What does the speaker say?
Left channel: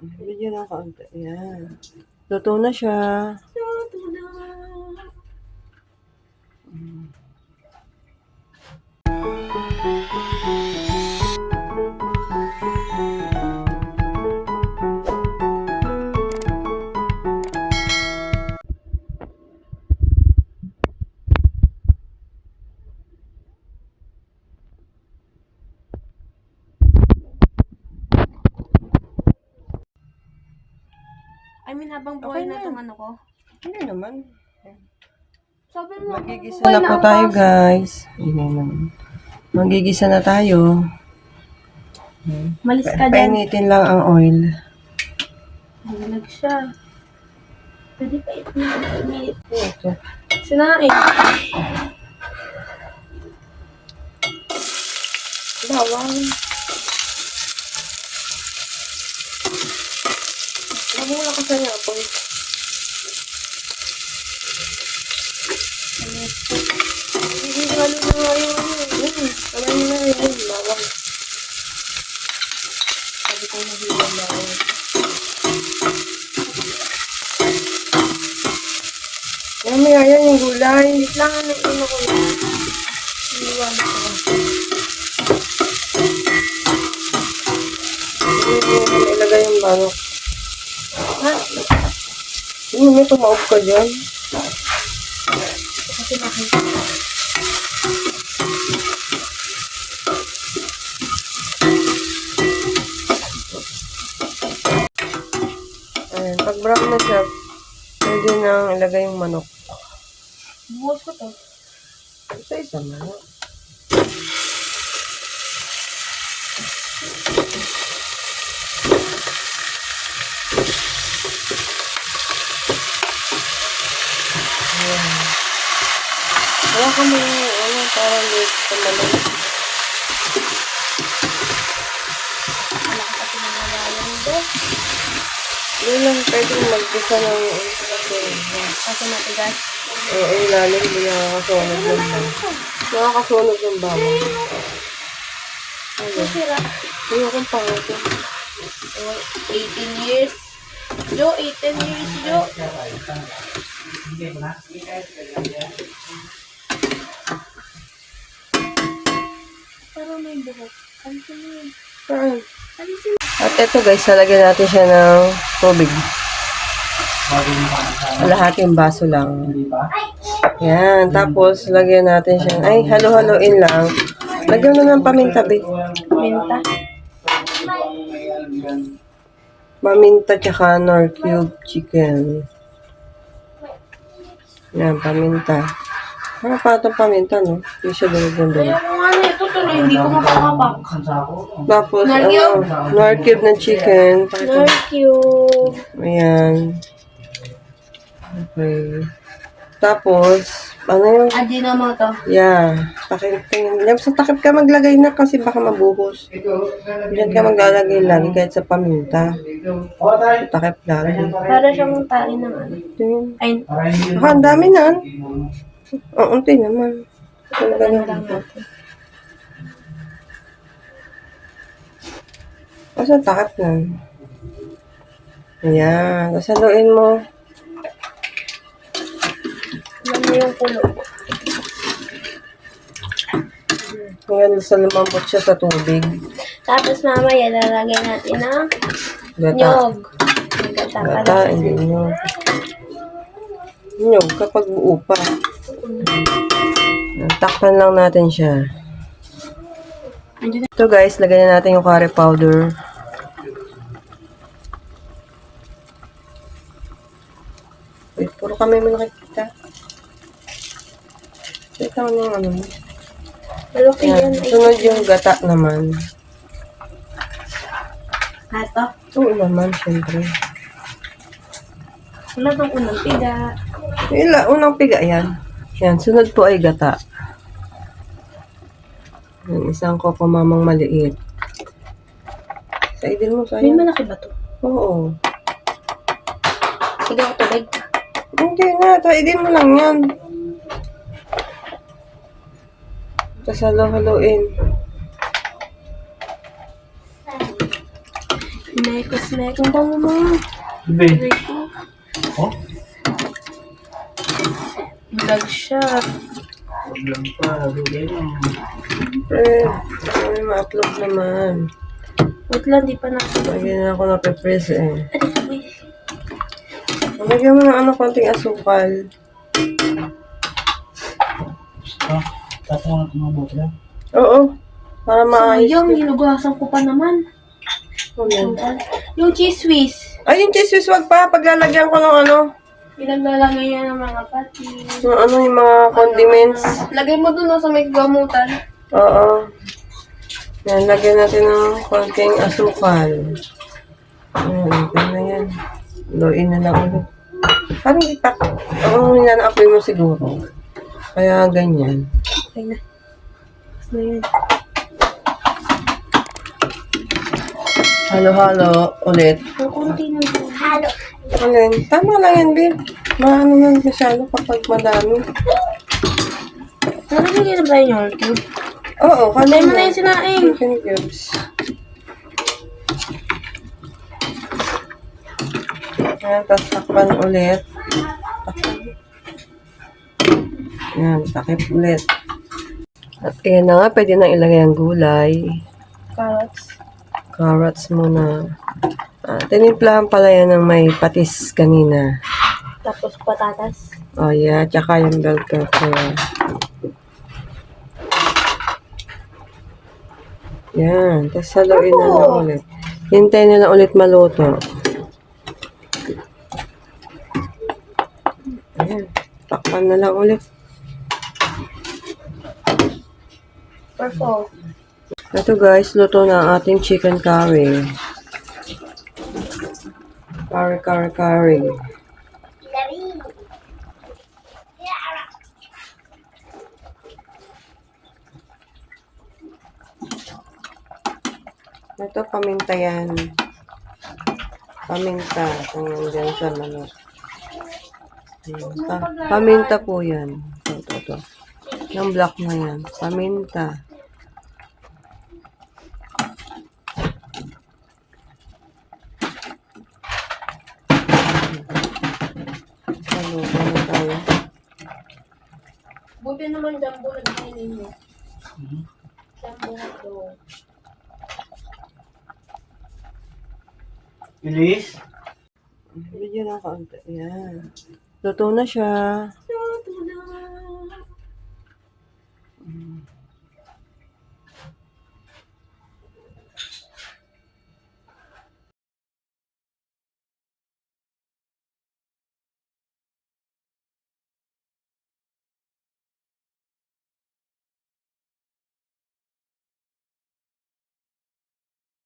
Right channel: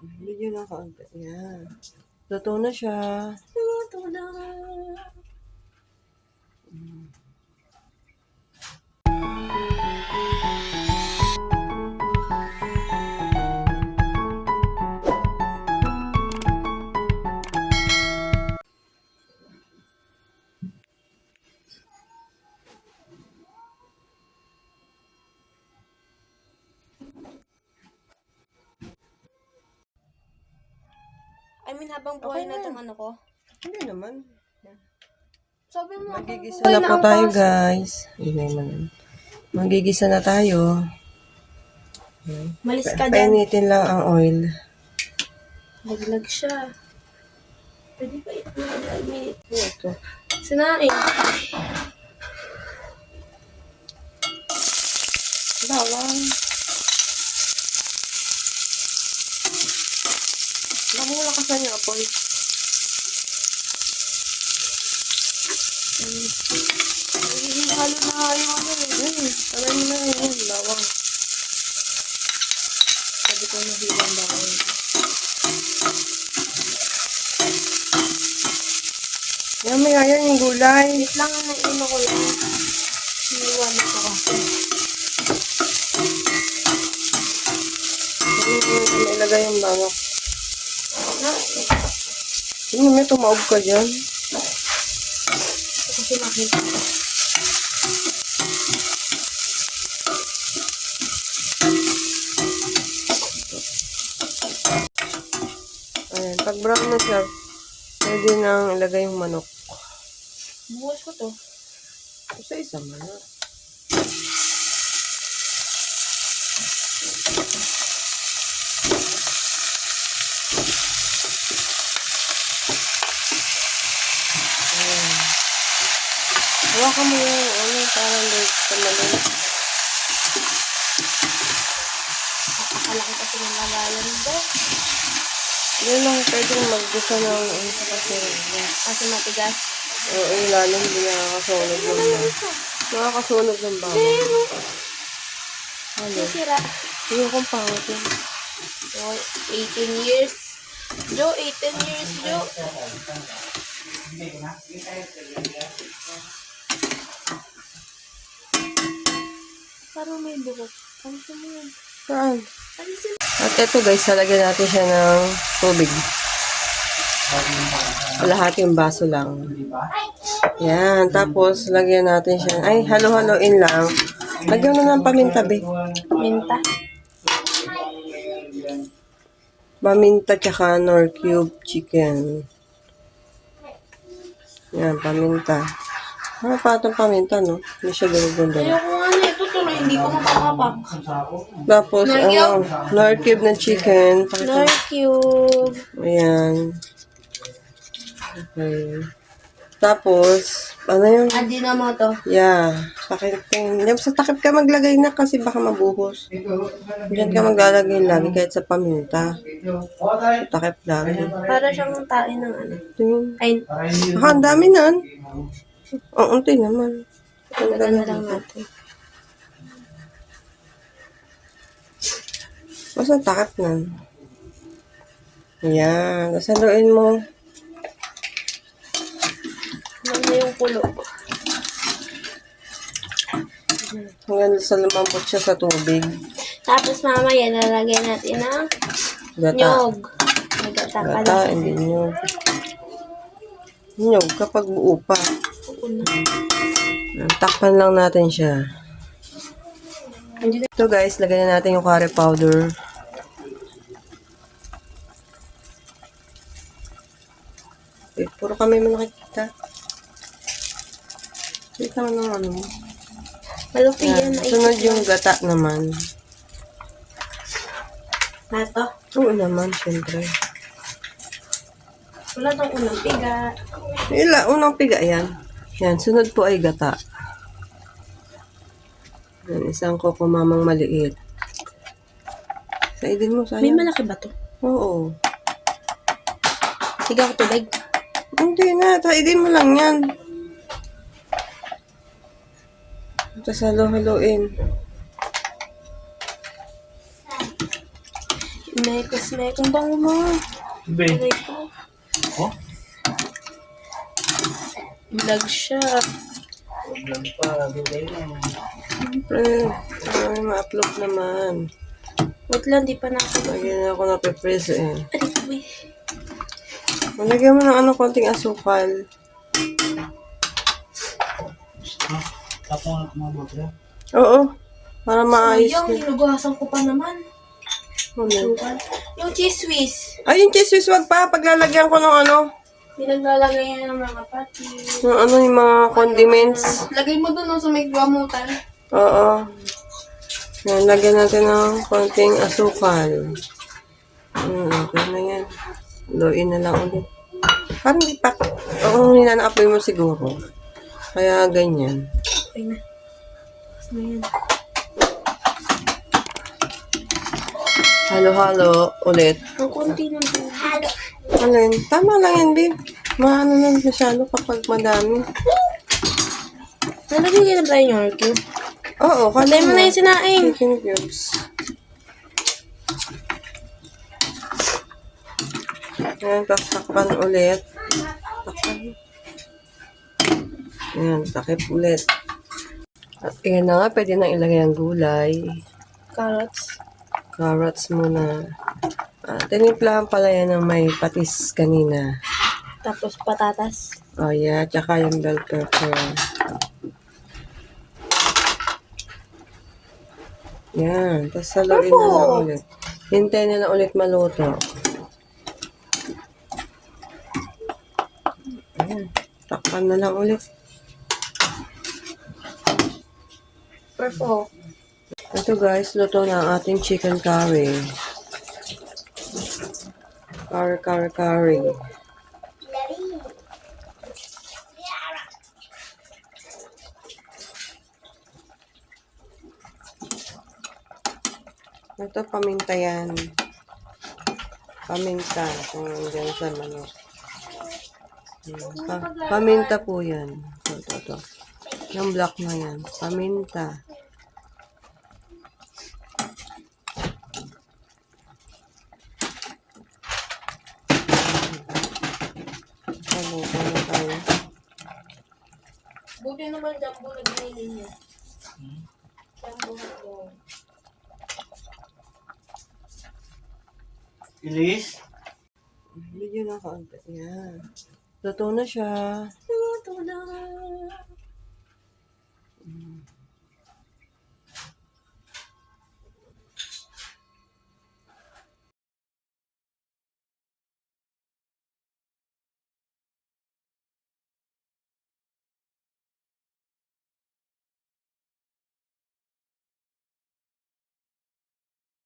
Video na kaunti. Yan. Luto na siya. Luto na. I mean, habang buhay Okay na na. itong ano ko. Hindi naman. Sabi mo, Magigisa na po tayo, guys. Magigisa na tayo. Malis ka dyan. Painitin lang ang oil. Naglag siya. Pwede pa ito. Ito. Sinain. Bawang. Lagi mo lakasan niya ako. Hindi ko ano na yung ano. Alam mo na yung bawang. Sabi ko na hindi bawang. Mamaya yan yung gulay. Wait lang ano ino ko lang. Iwan ko ba. Ilagay yung manok. Ha? May tumaog ka dyan. Kasi makita. Ayan, pag brown na siya, pwede nang ilagay yung manok. Buhos ko to. Sa isa manok. Hawakan mo yung ano, para may tumalog. Malaki kasi ng lagayan nito. Doon lang pwede mag-isa ng isa kasi Kasi matigas. ilalim din nakakasunog ng bawang. Nakakasunog ng bawang. Ano? Sira. Hindi akong pangatin. So, 18 years. Jo, 18 years, Jo. Parang may bugot. Alisin mo yun. Saan? Alisin mo. At eto guys, lalagyan natin siya ng tubig. Kalahating baso lang. Yan. Tapos, lagyan natin siya. Ay, halo-haloin lang. Lagyan mo ng paminta, babe. Minta. Paminta tsaka nor cube chicken. Yan, paminta. Ano pa itong paminta, no? Hindi siya dulo-dulo. Ayoko nga na ito. Tuloy, hindi ko mapakapak. Tapos, Nor cube? nor cube ng chicken. Nor cube. Ayan. Okay. Tapos, ano yung... Adino mo to. Yeah. Takip. Sa takip ka maglagay na kasi baka mabuhos. Diyan ka maglalagay lagi kahit sa paminta. Takip lagi. Para siyang tain ng ano. Ayan. Ay, Ang dami na. Ang unti naman. tagal na lang natin. Basta takip lang. Ayan. Tapos haluin mo. Alam mo yung kulo. Hanggang sa lumambot siya sa tubig. Tapos mamaya lalagay natin ng Gata. nyog. May gata pala. Gata, hindi nyo. Nyog kapag buo pa. Takpan lang natin siya. Ito guys, lagyan na natin yung curry powder. Wait, puro kami mo nakikita. Wait lang ng ano. Malaki Yan. yan. Ay, Sunod yung gata naman. hato. Oo naman, syempre. Wala tong unang piga. Unang piga yan. Yan, sunod po ay gata. Yan, isang coco mamang maliit. Saidin mo, May sayang. malaki ba to? Oo. Higang tubig. Hindi na, saidin mo lang yan. Tapos halo-haloin. Mekos-mekos. Ang bango mo. Sabi. Aray ko. Oh? Vlog siya. Lang pa. Lugay mo. Ano ma-upload naman. Wait lang, di pa na. Lagyan na ako napipress eh. Aray ko eh. Lagyan mo ng ano, konting asukal. Basta. Tatangan ako mga bote. Oo. Para maayos. Sayang, nilugasan ko pa naman. Ayan. Yung cheese whiz. Ay, yung cheese whiz, wag pa. Paglalagyan ko ng ano, Pinaglalagay yan ng mga pati. yung ano, yung mga condiments. Lagay mo dun sa may gamutan. Oo. Yan, lagyan natin ng konting asukal. Ito na yan. Luin na lang ulit. Parang ipak. Ang hinanaapoy mo siguro. Kaya ganyan. Okay na. Gusto yun. Halo-halo ulit. Ang konti ng halo. Alin? Tama lang yan, babe. Maano yan masyado kapag madami. Nalagay na ba yung orky? Oo, Patay mo na yung sinaing. chicken cubes. Ayan, tapos takpan ulit. Ayan, takip ulit. At ayan na nga, pwede nang ilagay ang gulay. Carrots. Carrots muna. Tinimplahan pala yan ng may patis kanina. Tapos patatas. Oh yeah, tsaka yung bell pepper. Yan, tapos haluin na lang ulit. Hintay na lang ulit maluto. Ayan, takpan na lang ulit. Purple. Ito guys, luto na ang ating chicken curry. Curry. Ito, paminta yan. Paminta. Kung dyan sa manok. Paminta po yan. Ito. Yung black na yan. Paminta. Ano tayo? Buti naman jumbo na binili niyo. Jumbo na to. Ilis? Video na kaunti. Yan. Luto na siya. Luto na.